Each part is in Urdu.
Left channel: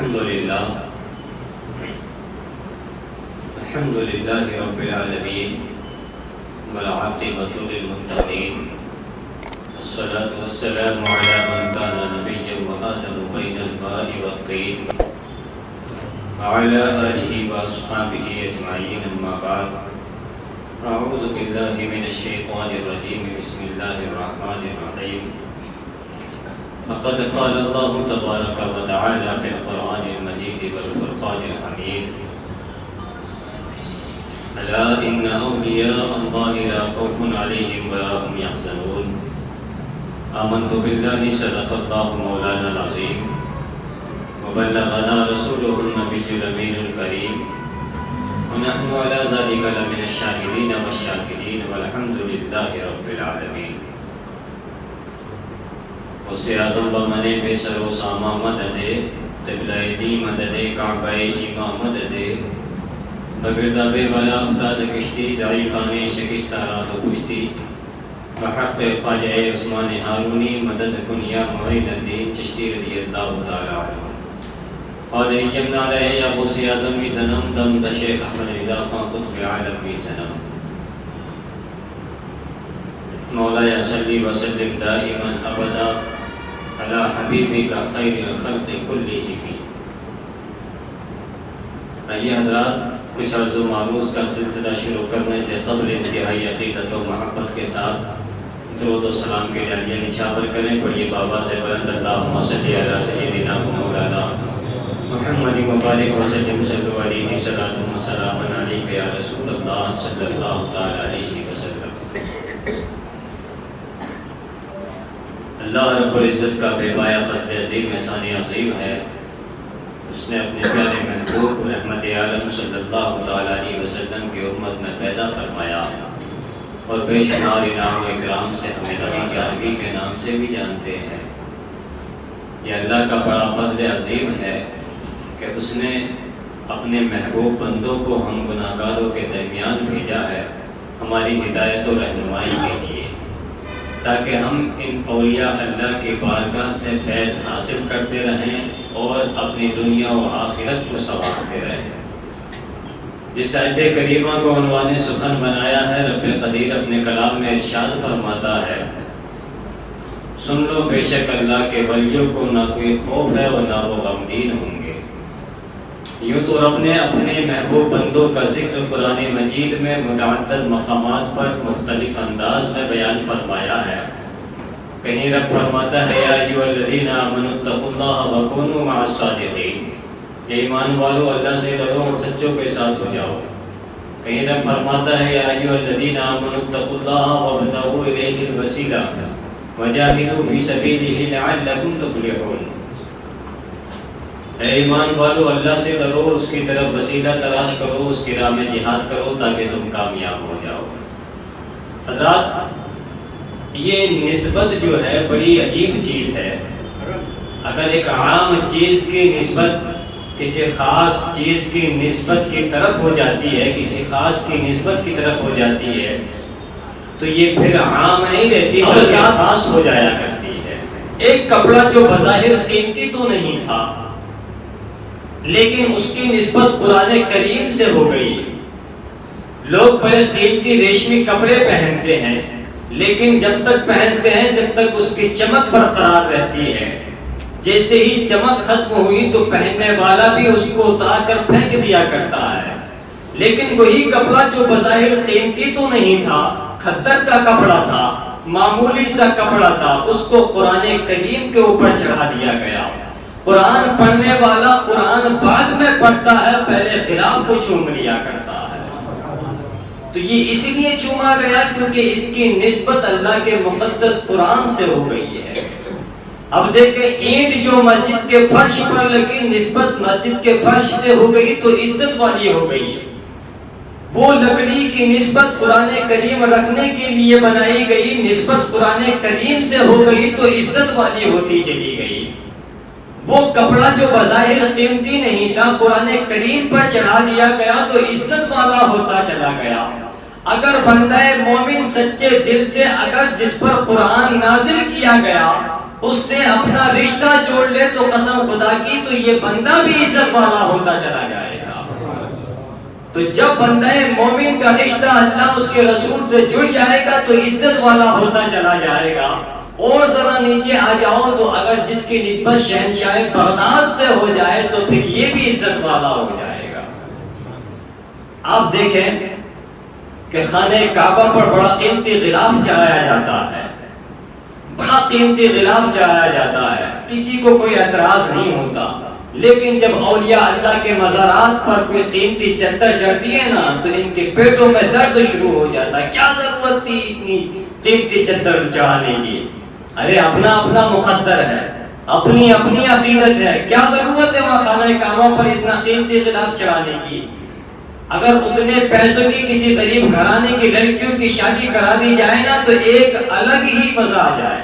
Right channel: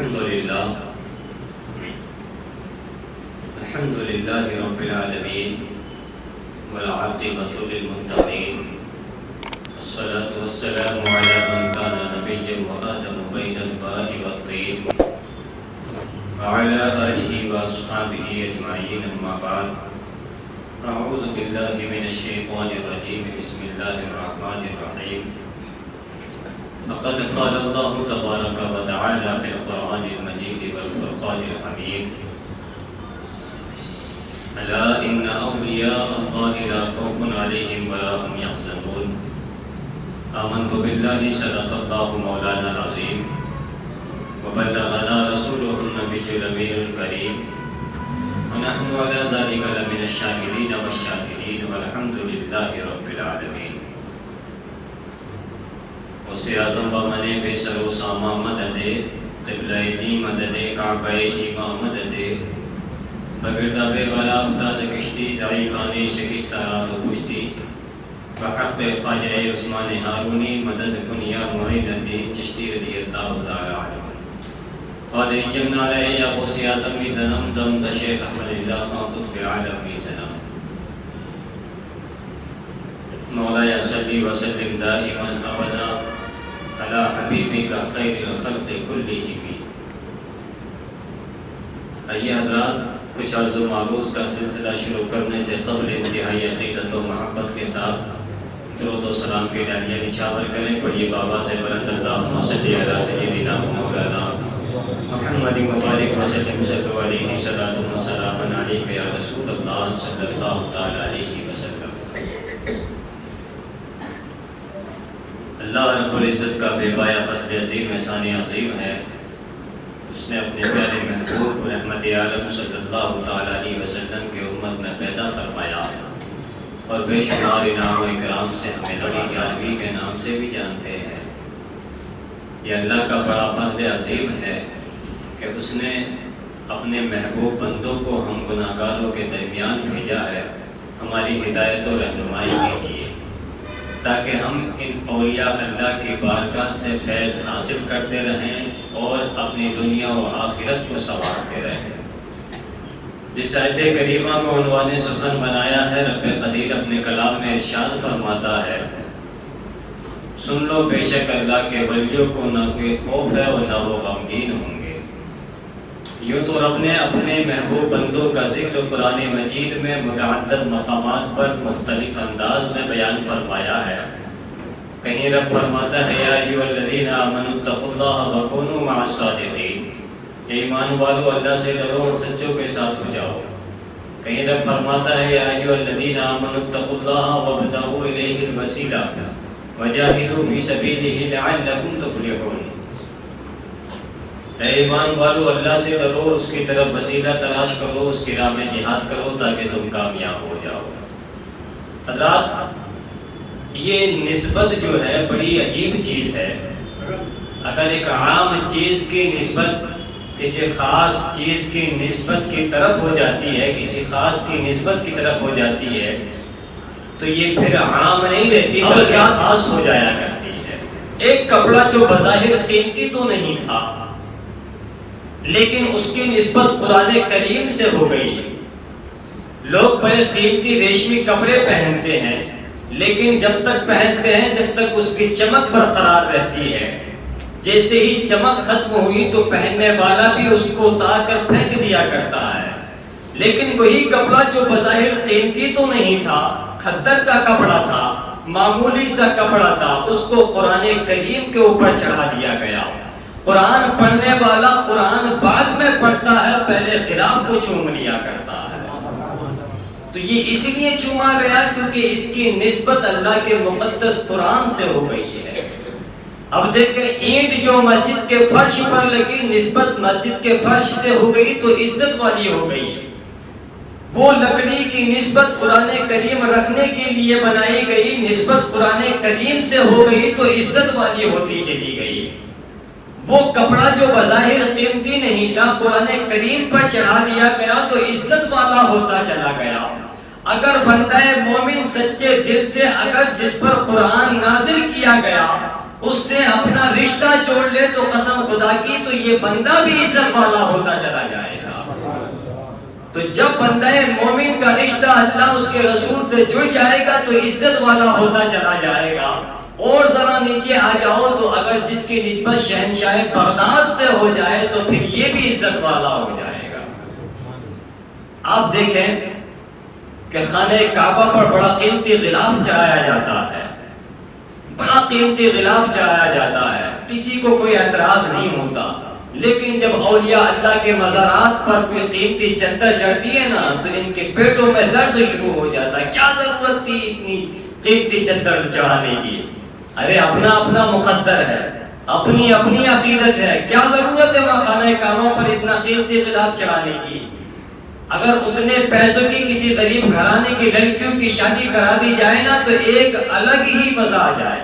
الحمد لله رب العالمين والعاقبة للمتقين والصلاة والسلام على من كان نبيا وآدم بين الماء والطين وعلى آله وأصحابه أجمعين أما بعد أعوذ بالله من الشيطان الرجيم بسم الله الرحمن الرحيم لقد قال الله تبارك وتعالى في القرآن المجيد والفرقان الحميد ألا إن أولياء الله لا خوف عليهم ولا هم يحزنون آمنت بالله صدق الله مولانا العظيم وبلغنا رسوله النبي الأمين الكريم ونحن على ذلك لمن الشاهدين والشاكرين والحمد لله رب العالمين اسے اعظم بمانے بے سر و ساما مدد قبلہ دی مدد کعبہ ایمان مدد بگردہ بے بلا افتاد کشتی ضعیفانی شکستہ رات و پشتی بحق خواجہ عثمان ہارونی مدد کنیا معین الدین چشتی رضی اللہ تعالی عنہ قادری جمنا رہے یا غوث اعظم بھی زنم دم شیخ احمد رضا خان قطب عالم بھی زنم مولا صلی وسلم دائما ابدا علی حبیبک خیر الخلق کلہم. آئیے حضرات، کچھ عرض و معروض کا سلسلہ شروع کرنے سے قبل انتہائی عقیدت و محبت کے ساتھ درود و سلام کے ڈالیاں نچھاور کریں. پڑھیے بابا سے بلند اللہم صلی علی سیدنا مولانا محمد مبارک وسلم صلی علیہ صلاۃ و سلام علیک یا رسول اللہ صلی اللہ تعالی علیہ وسلم. اللہ رب العزت کا بے پایا فضل عظیم احسان عظیم ہے. اس نے اپنے پیارے محبوب رحمت عالم صلی اللہ تعالی علیہ وسلم کی امت میں پیدا فرمایا اور بے شمار انعام و اکرام سے ہمیں نبی جامی کے نام سے بھی جانتے ہیں. یہ اللہ کا بڑا فضل عظیم ہے کہ اس نے اپنے محبوب بندوں کو ہم گناہگاروں کے درمیان بھیجا ہے ہماری ہدایت و رہنمائی کے لیے، تاکہ ہم ان اولیاء اللہ کی بارگاہ سے فیض حاصل کرتے رہیں اور اپنی دنیا و آخرت کو سنوارتے رہیں. جس آیت کریمہ کو عنوان سخن بنایا ہے، رب قدیر اپنے کلام میں ارشاد فرماتا ہے، سن لو بے شک اللہ کے ولیوں کو نہ کوئی خوف ہے اور نہ وہ غمگین ہوں گے. یوں تو رب نے اپنے محبوب بندوں کا ذکر قرآن مجید میں متعدد مقامات پر مختلف انداز میں بیان فرمایا ہے. کہیں رب فرماتا ہے یا ایھا الذین آمنوا اتقوا اللہ وکونوا مع الصادقین، اے ایمان والو اللہ سے ڈرو اور سچوں کے ساتھ ہو جاؤ. کہیں رب فرماتا ہے یا ایھا الذین آمنوا اتقوا اللہ وابتغوا الیہ الوسیلہ وجاہدوا فی سبیلہ لعلکم تفلحون. اے ایمان والو اللہ سے ڈرو، اس کی طرف وسیلہ تلاش کرو، اس کی راہ میں جہاد کرو تاکہ تم کامیاب ہو جاؤ. حضرات، یہ نسبت جو ہے بڑی عجیب چیز ہے. اگر ایک عام چیز کی نسبت کسی خاص چیز کی نسبت کی طرف ہو جاتی ہے، کسی خاص کی نسبت کی طرف ہو جاتی ہے، تو یہ پھر عام نہیں رہتی بلکہ خاص ہو جایا کرتی ہے. ایک کپڑا جو بظاہر قیمتی تو نہیں تھا لیکن اس کی نسبت قرآن کریم سے ہو گئی. لوگ بڑے قیمتی ریشمی کپڑے پہنتے ہیں لیکن جب تک پہنتے ہیں جب تک اس کی چمک برقرار رہتی ہے. جیسے ہی چمک ختم ہوئی تو پہننے والا بھی اس کو اتار کر پھینک دیا کرتا ہے. لیکن وہی کپڑا جو بظاہر قیمتی تو نہیں تھا، کھدر کا کپڑا تھا، معمولی سا کپڑا تھا، اس کو قرآن کریم کے اوپر چڑھا دیا گیا. قرآن پڑھنے والا قرآن بعد میں پڑھتا ہے، پہلے خلاف کو چوم لیا کرتا ہے. تو یہ اس لیے چوما گیا کیونکہ اس کی نسبت اللہ کے مقدس قرآن سے ہو گئی ہے. اب دیکھیں، اینٹ جو مسجد کے فرش پر لگی نسبت مسجد کے فرش سے ہو گئی تو عزت والی ہو گئی. وہ لکڑی کی نسبت قرآن کریم رکھنے کے لیے بنائی گئی نسبت قرآن کریم سے ہو گئی تو عزت والی ہوتی چلی گئی. وہ کپڑا جو بظاہر قیمتی نہیں تھا قرآن کریم پر چڑھا دیا گیا تو عزت والا ہوتا چلا گیا. اگر بندہ مومن سچے دل سے اگر جس پر قرآن نازل کیا گیا اس سے اپنا رشتہ جوڑ لے تو قسم خدا کی تو یہ بندہ بھی عزت والا ہوتا چلا جائے گا۔ تو جب بندہ مومن کا رشتہ اللہ اس کے رسول سے جڑ جائے گا تو عزت والا ہوتا چلا جائے گا۔ اور ذرا نیچے آ جاؤ تو اگر جس کی نسبت شہنشاہ بغداد سے ہو جائے تو پھر یہ بھی عزت والا ہو جائے گا۔ آپ دیکھیں کہ خانہ کعبہ پر بڑا قیمتی غلاف چڑھایا جاتا ہے، بڑا قیمتی غلاف چڑھایا جاتا ہے، کسی کو کوئی اعتراض نہیں ہوتا۔ لیکن جب اولیاء اللہ کے مزارات پر کوئی قیمتی چادر چڑھتی ہے نا تو ان کے پیٹوں میں درد شروع ہو جاتا ہے۔ کیا ضرورت تھی اتنی قیمتی چادر چڑھانے کی؟ ارے اپنا اپنا مقدر ہے، اپنی اپنی عقیدت ہے، کیا ضرورت ہے وہاں خانہ کعبہ پر اتنا قیمتی غلاف چڑھانے کی؟ اگر اتنے پیسوں کی کسی غریب گھرانے کی لڑکیوں کی شادی کرا دی جائے نا تو ایک الگ ہی مزہ آ جائے۔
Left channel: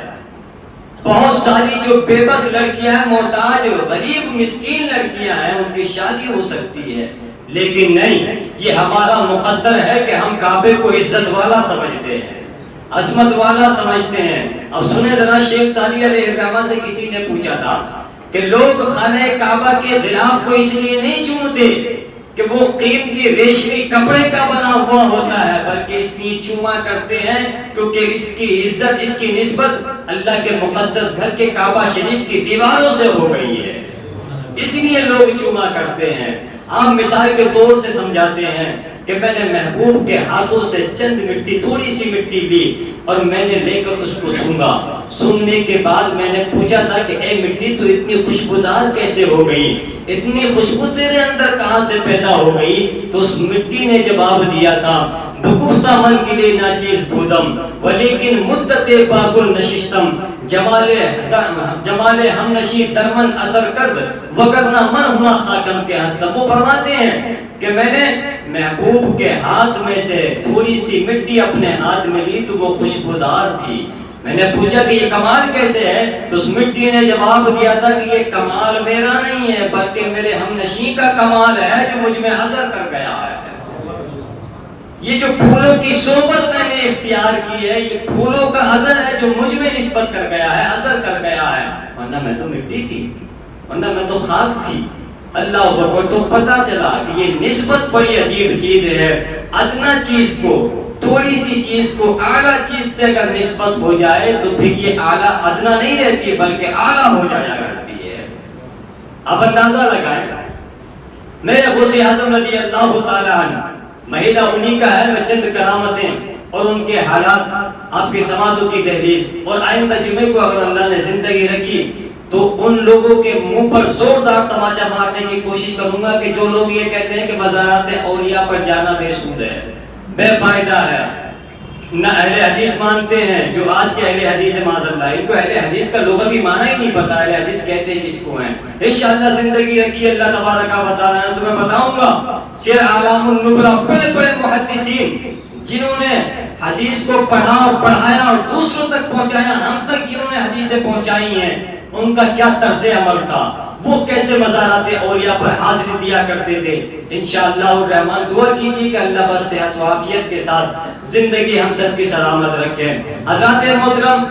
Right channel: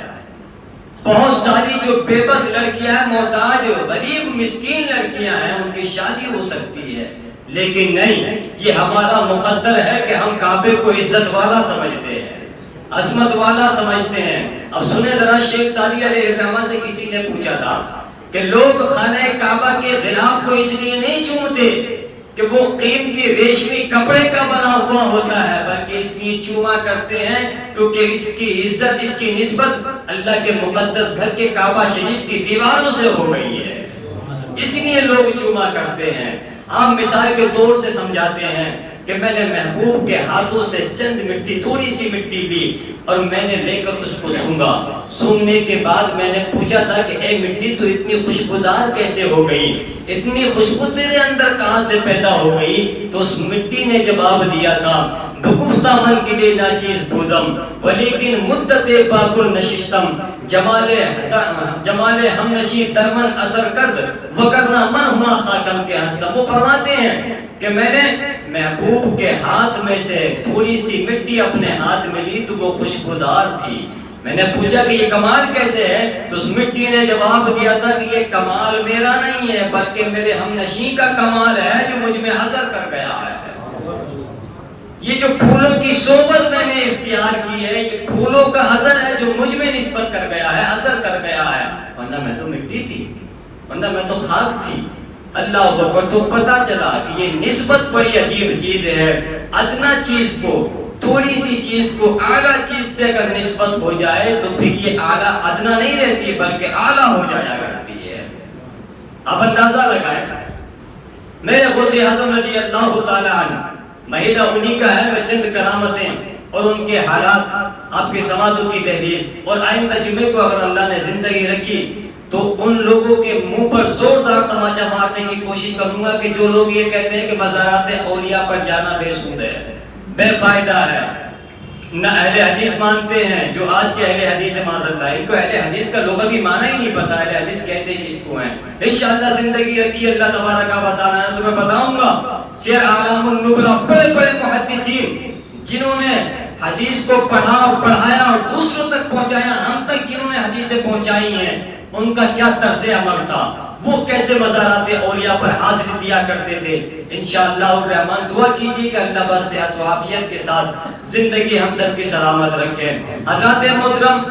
بہت ساری جو بے بس لڑکیاں ہیں، محتاج غریب مسکین لڑکیاں ہیں، ان کی شادی ہو سکتی ہے، لیکن نہیں، یہ ہمارا مقدر ہے کہ ہم کعبے کو عزت والا سمجھتے ہیں، عظمت والا سمجھتے ہیں۔ اب سنیں ذرا، شیخ سعدی علیہ الرحمہ سے کسی نے پوچھا تھا کہ لوگ خانہ کعبہ کے غلاف کو اس لیے نہیں چومتے کہ وہ قیمتی ریشمی کپڑے کا بنا ہوا ہوتا ہے، بلکہ اس لیے چوما کرتے ہیں کیونکہ اس کی عزت، اس کی نسبت اللہ کے مقدس گھر کے کعبہ شریف کی دیواروں سے ہو گئی ہے، اس لیے لوگ چوما کرتے ہیں۔ عام مثال کے طور سے سمجھاتے ہیں کہ میں نے محبوب کے ہاتھوں سے چند مٹی، تھوڑی سی مٹی لی اور میں نے لے کر اس کو سونگا۔ سونگنے کے بعد میں نے پوچھا تھا کہ اے مٹی تو اتنی خوشبودار کیسے ہو گئی، اتنی خوشبو تیرے اندر کہاں سے پیدا ہو گئی؟ تو اس مٹی نے جواب دیا تھا، بگفتہ من گلے ناچیز بودم ولیکن مدت باگل نشستم، جمال ہم نشی درمن اثر کرد وگرنہ من ہنا خاکم کے ہستم۔ وہ فرماتے ہیں کہ میں نے محبوب کے ہاتھ میں سے تھوڑی سی مٹی اپنے ہاتھ میں لی تو وہ خوشبودار تھی۔ میں نے پوچھا کہ یہ کمال کیسے ہے؟ تو اس مٹی نے جواب دیا تھا کہ یہ کمال میرا نہیں ہے بلکہ میرے ہم نشیں کا کمال ہے جو مجھ میں اثر کر گیا ہے۔ یہ جو پھولوں کی صحبت میں نے اختیار کی ہے، یہ پھولوں کا اثر ہے جو مجھ میں نسبت کر گیا ہے، اثر کر گیا ہے، ورنہ میں تو مٹی تھی، ورنہ میں تو خاک تھی۔ اللہ اکبر۔ تو پتا چلا کہ یہ نسبت بڑی عجیب چیز ہے۔ ادنا چیز کو، تھوڑی سی چیز کو اعلیٰ چیز سے اگر نسبت ہو جائے تو پھر یہ اعلیٰ ادنا نہیں رہتی بلکہ اعلیٰ ہو جایا کرتی ہے۔ اب اندازہ لگائیں، میرے غوث اعظم رضی اللہ تعالیٰ عنہ، مہینہ انہی کا ہے، میں چند کرامتیں اور ان کے حالات آپ کے سماعتوں کی دہلیز اور آئندہ جمعے کو اگر اللہ نے زندگی رکھی تو ان لوگوں کے منہ پر زوردار تماچا مارنے کی کوشش کروں گا کہ جو لوگ یہ کہتے ہیں کہ مزارات اولیاء پر جانا بے سود ہے، بے فائدہ ہے، نہ اہل حدیث مانتے ہیں، جو آج کے اہل حدیث ہے معاذ اللہ، ان کو اہل حدیث کا لغوی معنی ہی نہیں پتا، اہل حدیث کہتے ہیں کس کو ہیں۔ انشاءاللہ زندگی رکھی اللہ تبارک و تعالیٰ نے تمہیں بتاؤں گا سیر اعلام النبلا، بڑے بڑے محدثین جنہوں نے حدیث کو پڑھا اور پڑھایا اور دوسروں تک پہنچایا، ہم تک جنہوں نے حدیثیں پہنچائی ہیں، ان کا کیا طرز عمل تھا، وہ کیسے مزارات اولیاء پر حاضری دیا کرتے تھے۔ انشاءاللہ الرحمن دعا کیجیے کہ اللہ بس صحت و عافیت کے ساتھ زندگی ہم سب کی سلامت رکھے۔ حضرات محترم،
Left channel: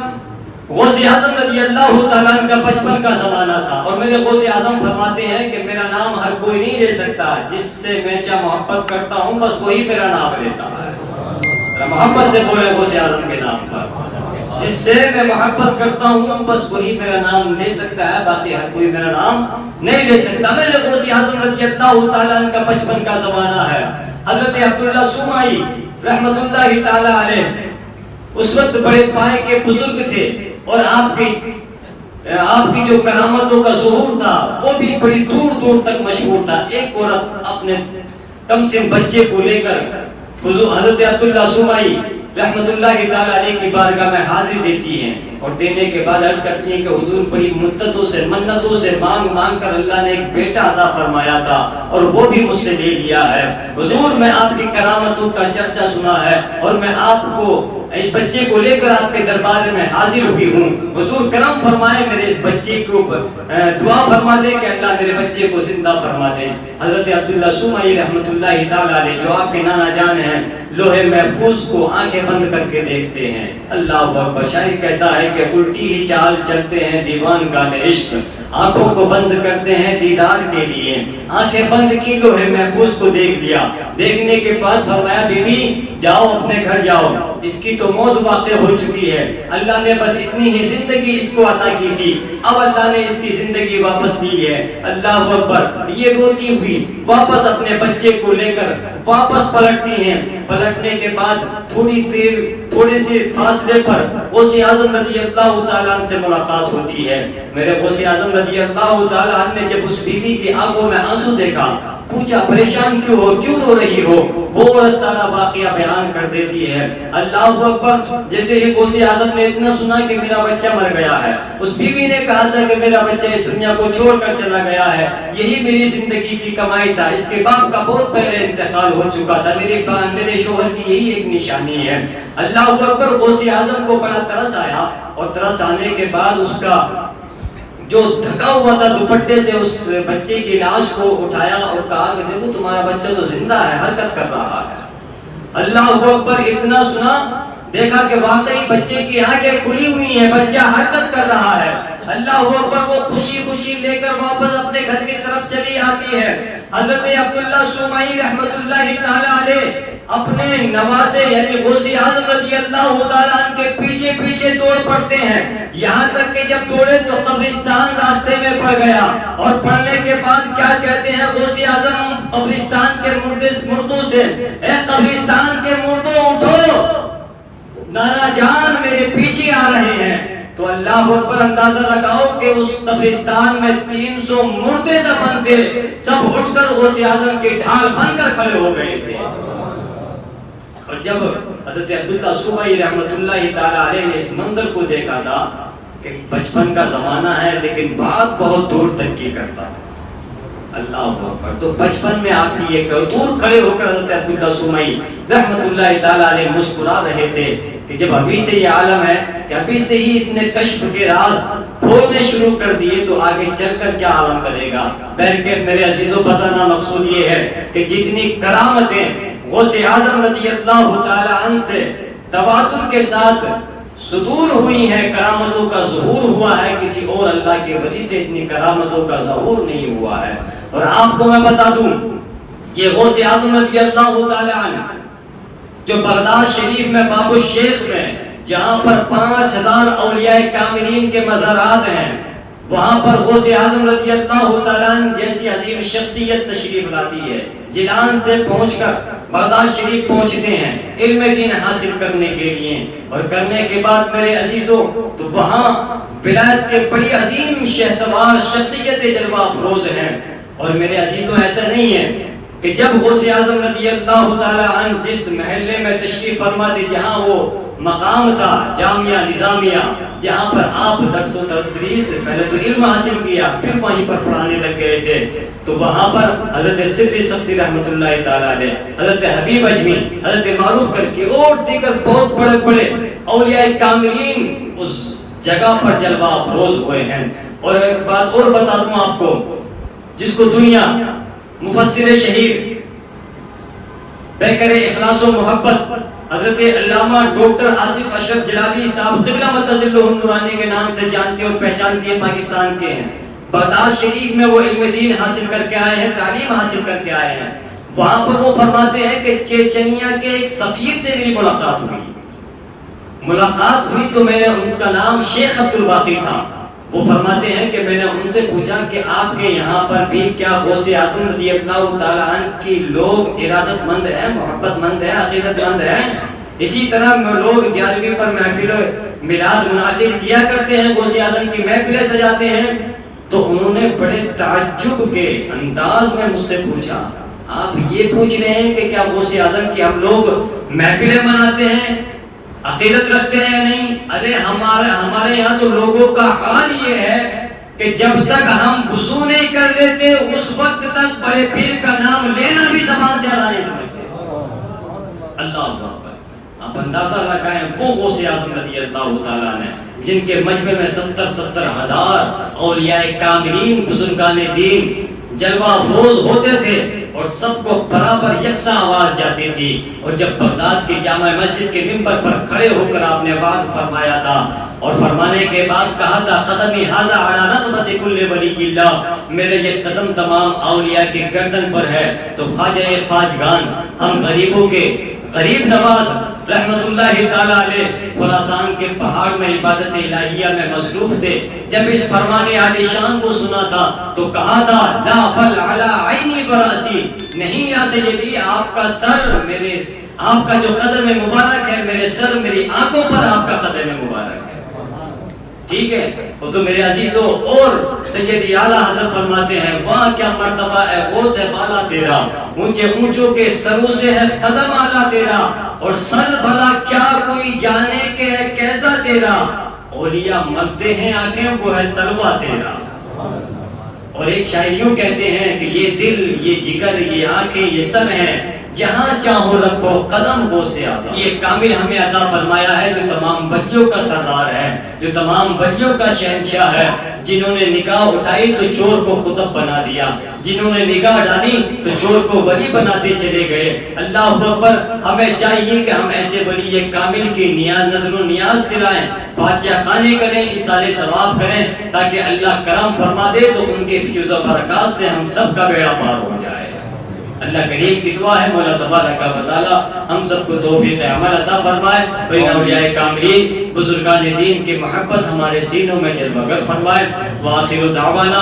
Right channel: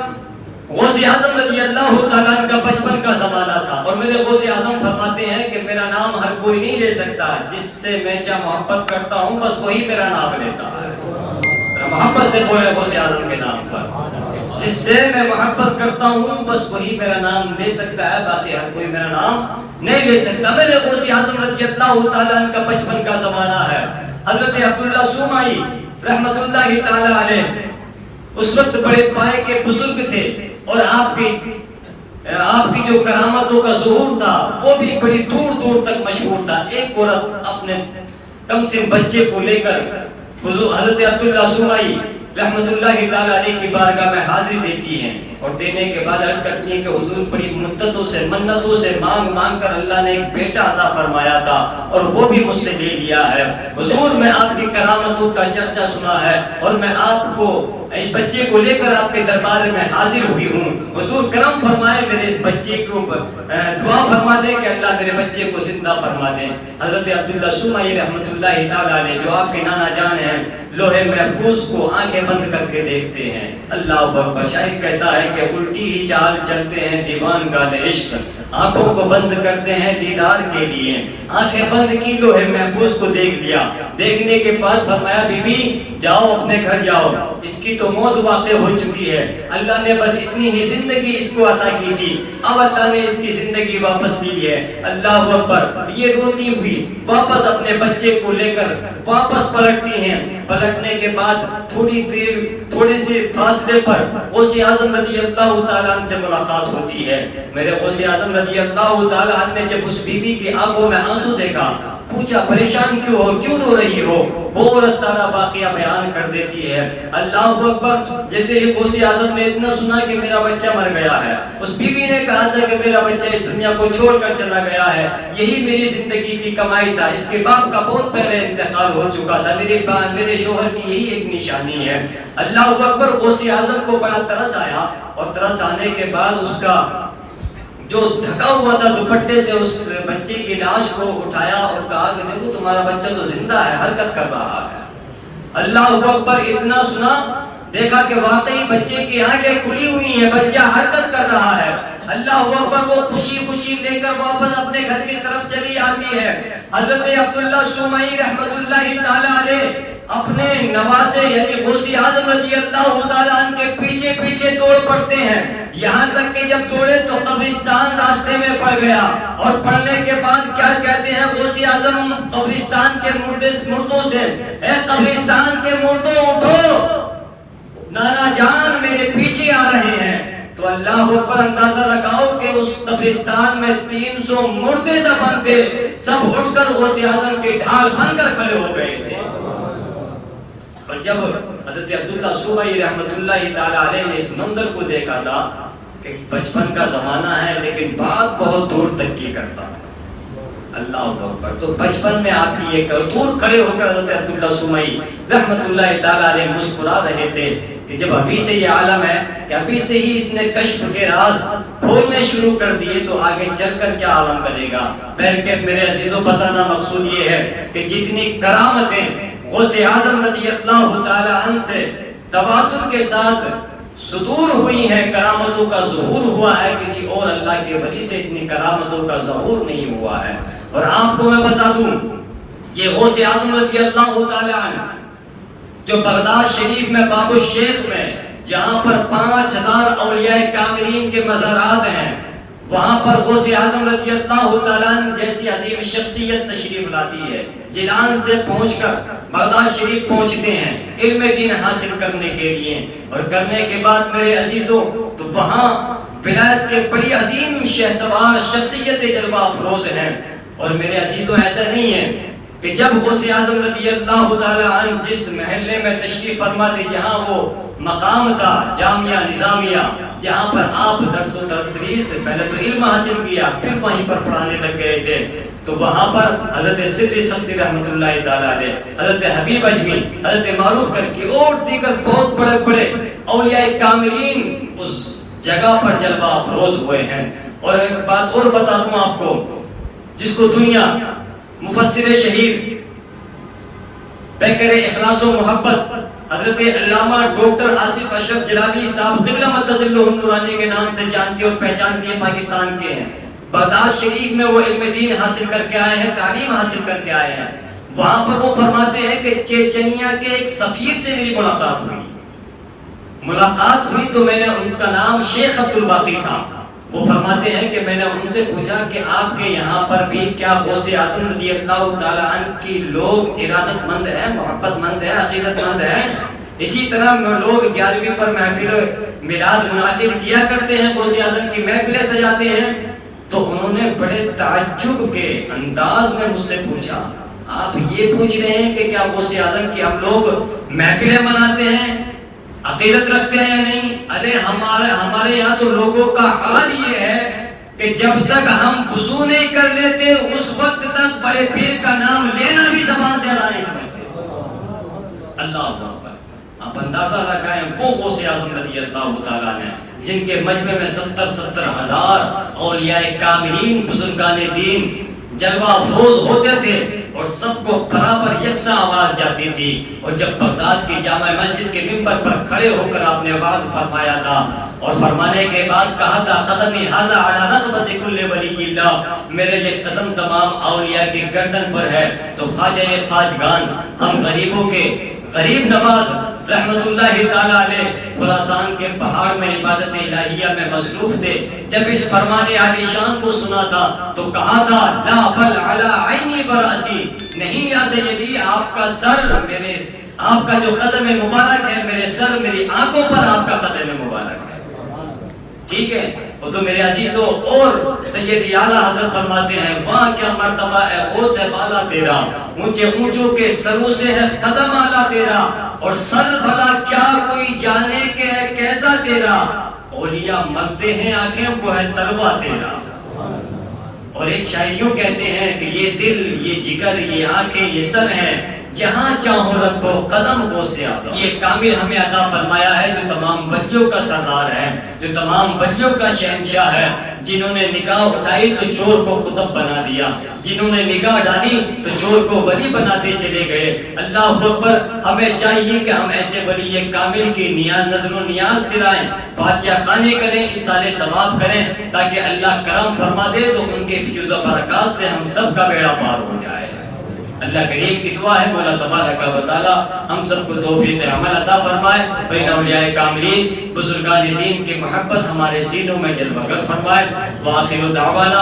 غوث اعظم رضی اللہ تعالیٰ عنہ کا بچپن کا زمانہ تھا اور میرے غوث اعظم فرماتے ہیں کہ میرا نام ہر کوئی نہیں لے سکتا، جس سے میں چاہ محبت کرتا ہوں بس وہی میرا نام لیتا ہے۔ محبت سے بولے غوث اعظم کے نام پر، جس سے میں محبت کرتا ہوں بس وہی میرا نام لے سکتا ہے، باقی ہر کوئی میرا نام نہیں لے سکتا۔ میرے غوث اعظم رضی اللہ تعالیٰ عنہ کا بچپن کا زمانہ ہے۔ حضرت عبداللہ سومائی رحمت اللہ تعالیٰ علیہ اس وقت بڑے پائے کے بزرگ تھے اور آپ کی جو کرامتوں کا ظہور تھا وہ بھی بڑی دور دور تک مشہور تھا۔ ایک عورت اپنے کم سے بچے کو لے کر حضرت عبداللہ سومائی رحمت اللہ تعالیٰ علیہ کی بارگاہ میں حاضری دیتی ہیں اور دینے کے بعد عرض کرتی ہیں کہ حضور بڑی مدتوں سے منتوں سے مانگ کر اللہ نے ایک بیٹا عطا فرمایا تھا اور وہ بھی مجھ سے لے لیا ہے۔ حضور میں آپ کی کرامتوں کا چرچا سنا ہے اور میں آپ کو اس بچے کو لے کر آپ کے دربار میں حاضر ہوئی ہوں، حضور کرم فرمائے میرے اس بچے کو، دعا فرما دے کہ اللہ میرے بچے کو زندہ فرما دے۔ حضرت عبداللہ سومائی رحمت اللہ تعالیٰ علیہ جو آپ کے نانا جان ہیں، لوہے محفوظ کو آنکھیں بند کر کے دیکھتے ہیں. اللہ اکبر. شاعر کہتا ہے کہ الٹی ہی چال چلتے ہیں دیوان گانے عشق, آنکھوں کو بند کرتے ہیں دیدار کے لیے. آنکھیں بند کی, لوہے محفوظ کو دیکھ لیا. دیکھنے کے بعد فرمایا بی بی جاؤ اپنے گھر جاؤ, اس کی تو موت واقع ہو چکی ہے. اللہ نے بس اتنی ہی زندگی اس کو عطا کی تھی, اب اللہ نے اس کی زندگی واپس لی ہے. اللہ اکبر. یہ روتی ہوئی واپس اپنے بچے کو لے کر واپس پلٹتی ہیں. پلٹنے کے بعد تھوڑی سی فاصلے پر غوث اعظم رضی اللہ تعالیٰ عنہ سے ملاقات ہوتی ہے. میرے غوث اعظم رضی اللہ تعالیٰ عنہ نے جب اس بیوی کی آنکھوں میں آنسو دیکھا, پوچھا پریشان کیوں ہو, کیوں رو رہی ہو؟ وہ سارا واقعہ بیان کر دیتی ہے. اللہ اکبر. جیسے ہی غوث اعظم نے اتنا سنا کہ میرا بچہ مر گیا ہے, اس بیوی نے کہا تھا کہ میرا بچہ اس دنیا کو چھوڑ کر چلا گیا ہے, یہی میری زندگی کی کمائی تھا, اس کے باپ کا بہت پہلے انتقال ہو چکا تھا, میرے شوہر کی یہی ایک نشانی ہے. اللہ اکبر. غوث اعظم کو بڑا ترس آیا, اور ترس آنے کے بعد اس کا جو ڈھکا ہوا تھا دوپٹے سے اس بچے کی لاش کو اٹھایا اور کہا کہ دیکھو تمہارا بچہ تو زندہ ہے, حرکت کر رہا ہے. اللہ اکبر. اتنا سنا, دیکھا کہ واقعی بچے کی آنکھیں کھلی ہوئی ہیں, بچہ حرکت کر رہا ہے. اللہ اکبر. وہ خوشی خوشی لے کر واپس اپنے گھر کی طرف چلی آتی ہے. حضرت عبداللہ سومئی رحمت اللہ تعالی علیہ اپنے نواسے یعنی غوث اعظم رضی اللہ تعالیٰ عنہ کے پیچھے پیچھے دوڑ پڑتے ہیں, یہاں تک کہ جب دوڑے تو قبرستان راستے میں پڑ گیا. اور پڑنے کے بعد کیا کہتے ہیں غوث اعظم قبرستان کے مردوں سے, اے قبرستان کے مردوں اٹھو, نانا جان میرے پیچھے آ رہے ہیں. تو اللہ اکبر. اندازہ لگاؤ کہ اس قبرستان میں 300 مردے دفن تھے, سب اٹھ کر غوث اعظم کے ڈھال بن کر کھڑے ہو گئے تھے. اور جب حضرت عبداللہ سومئی رحمت اللہ تعالی علیہ نے اس منظر کو دیکھا تھا کہ بچپن کا زمانہ ہے لیکن بات بہت دور تک کی کرتا ہے. اللہ اکبر. تو بچپن میں آپ کی یہ دور کھڑے ہو کر حضرت عبداللہ سومئی رحمت اللہ تعالی علیہ مسکرا رہے تھے کہ جب ابھی سے یہ عالم ہے کہ ابھی سے ہی اس نے کشف کے راز کھولنے شروع کر دیے تو آگے چل کر کیا عالم کرے گا. بہرکیف میرے عزیزوں, بتانا مقصود یہ ہے کہ جتنی کرامتیں غوث اعظم رضی اللہ تعالی عنہ سے تواتر کے ساتھ صدور ہوئی ہیں, کرامتوں کا ظہور ہوا ہے, کسی اور اللہ کے ولی سے اتنی کرامتوں کا ظہور نہیں ہوا ہے. اور آپ کو میں بتا دوں, یہ غوث اعظم رضی اللہ تعالی عنہ جو بغداد شریف میں باب الشیخ میں جہاں پر 5000 اولیاء کاملین کے مزارات ہیں, وہاں پر غوث اعظم رضی اللہ تعالیٰ عنہ جیسی عظیم شخصیت تشریف لاتی ہے. جیلان سے پہنچ کر بغداد شریف پہنچتے ہیں علم دین حاصل کرنے کے لیے, اور کرنے کے بعد میرے عزیزوں تو وہاں ولایت کے بڑی عظیم شہسوار شخصیت جلوہ افروز ہیں. اور میرے عزیزوں ایسا نہیں ہے کہ جب غوث اعظم رضی اللہ تعالیٰ عنہ جس محلے میں تشریف فرما تھے جہاں وہ مقام تھا جامعہ نظامیہ جہاں پر آپ درس و تدریس پہلے تو علم حاصل کیا پھر وہیں پر پڑھانے لگ گئے تھے, تو وہاں پر حضرت سری سبتی رحمت اللہ تعالیٰ علیہ, حضرت حبیب اجمی, حضرت معروف کر کے اور دیگر بہت بڑے بڑے اولیاء کاملین اس جگہ پر جلوہ افروز ہوئے ہیں. اور ایک بات اور بتا دوں آپ کو, جس کو دنیا مفسر شہیر پیکر اخلاص و محبت حضرت علامہ ڈاکٹر آصف اشرف جلالی صاحب قبلہ متظلہ النورانی کے نام سے جانتے اور پہچانتے ہیں, پاکستان کے ہیں. بغداد شریف میں وہ علم دین حاصل کر کے آئے ہیں, تعلیم حاصل کر کے آئے ہیں. وہاں پر وہ فرماتے ہیں کہ چیچنیا کے ایک سفیر سے میری ملاقات ہوئی تو میں نے ان کا نام شیخ عبد الباقی تھا. وہ فرماتے ہیں کہ میں نے ان سے پوچھا کہ آپ کے یہاں پر بھی کیا غوث اعظم رضی اللہ تعالیٰ عنہ کی لوگ ارادت مند ہیں, محبت مند ہیں, عقیدت مند ہیں؟ اسی طرح لوگ 11ویں پر محفل میلاد منعقد کیا کرتے ہیں, غوث اعظم کی محفلیں سجاتے ہیں. تو انہوں نے بڑے تعجب کے انداز میں مجھ سے پوچھا, آپ یہ پوچھ رہے ہیں کہ کیا غوث اعظم کی ہم لوگ محفلیں مناتے ہیں, عقیدت رکھتے ہیں یا نہیں؟ ارے ہمارے یہاں تو لوگوں کا حال یہ ہے کہ جب تک ہم وضو نہیں کر لیتے اس وقت تک بڑے پیر کا نام لینا بھی زبان سے ادا نہیں سمجھتے. اللہ اکبر. آپ اندازہ لگائیں وہ غوث اعظم رضی اللہ تعالیٰ نے جن کے مجمع میں 70,000 اولیاء کاملین بزرگان دین جلوہ افروز ہوتے تھے اور سب کو برابر یکساں آواز جاتی تھی. اور جب بغداد کی جامع مسجد کے منبر پر کھڑے ہو کر آپ نے واعظ فرمایا تھا اور فرمانے کے بعد کہا تھا قدمی ھذا علی رقبۃ کل ولی اللہ، میرے یہ قدم تمام اولیاء کی گردن پر ہے. تو خواجہ خواجگان، ہم غریبوں کے غریب نواز رحمت اللہ تعالی علیہ خراسان کے پہاڑ میں عبادت الہیہ میں مصروف تھے، جب اس فرمان عالی شان کو سنا تھا تو کہا تھا لا بل علی عینی و راسی، نہیں یا سیدی آپ کا سر میرے، آپ کا جو قدم مبارک ہے میرے سر میری آنکھوں پر آپ کا قدم مبارک ہے. ٹھیک ہے، وہ تو میرے عزیزوں. اور سیدی اعلیٰ حضرت فرماتے ہیں وہاں کیا مرتبہ ہے غوث بالا تیرا، اونچے اونچوں کے سروں سے ہے قدم اعلیٰ تیرا، اور سر بھلا کیا کوئی جانے کے ہے کیسا تیرا، اولیاء مرتے ہیں آنکھیں وہ ہے تلوہ تیرا. اور ایک شاعر یوں کہتے ہیں کہ یہ دل، یہ جگر، یہ آنکھیں، یہ سر ہیں، جہاں چاہو رکھو قدم غوث اعظم. یہ کامل ہمیں عطا فرمایا ہے جو تمام ولیوں کا سردار ہے، جو تمام ولیوں کا شہنشاہ ہے، جنہوں نے نگاہ اٹھائی تو چور کو قطب بنا دیا، جنہوں نے نگاہ ڈالی تو چور کو ولی بناتے چلے گئے. اللہ اکبر. ہمیں چاہیے کہ ہم ایسے ولی کامل کی نظر و نیاز دلائیں، فاتحہ خانے کریں، اصالے ثواب کریں، تاکہ اللہ کرم فرما دے تو ان کے فیض و برکات سے ہم سب کا بیڑا پار ہو جائے. اللہ کریم کی دعا ہے مولا تبارک و تعالی ہم سب کو توفیق عمل عطا فرمائے، اور ان اولیاء کاملین بزرگان دین کی محبت ہمارے سینوں میں جلوہ گر فرمائے. وآخر دعوانا